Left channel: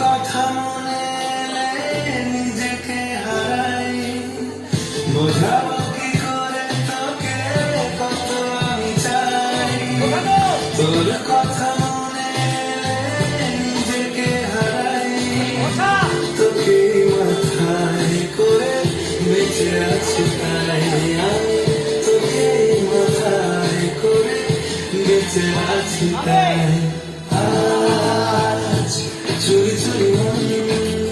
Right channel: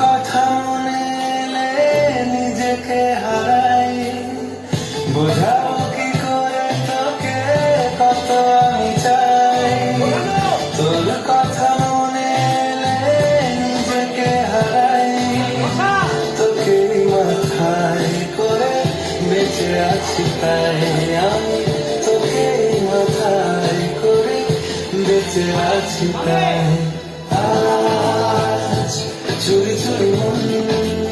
কথা নিজেকে হারাই করে তোকে কত মনে নিজেকে হারাই করে আছি তাই। আমি তোকে মাথায় করে বেঁচে আছি তাই। everyone.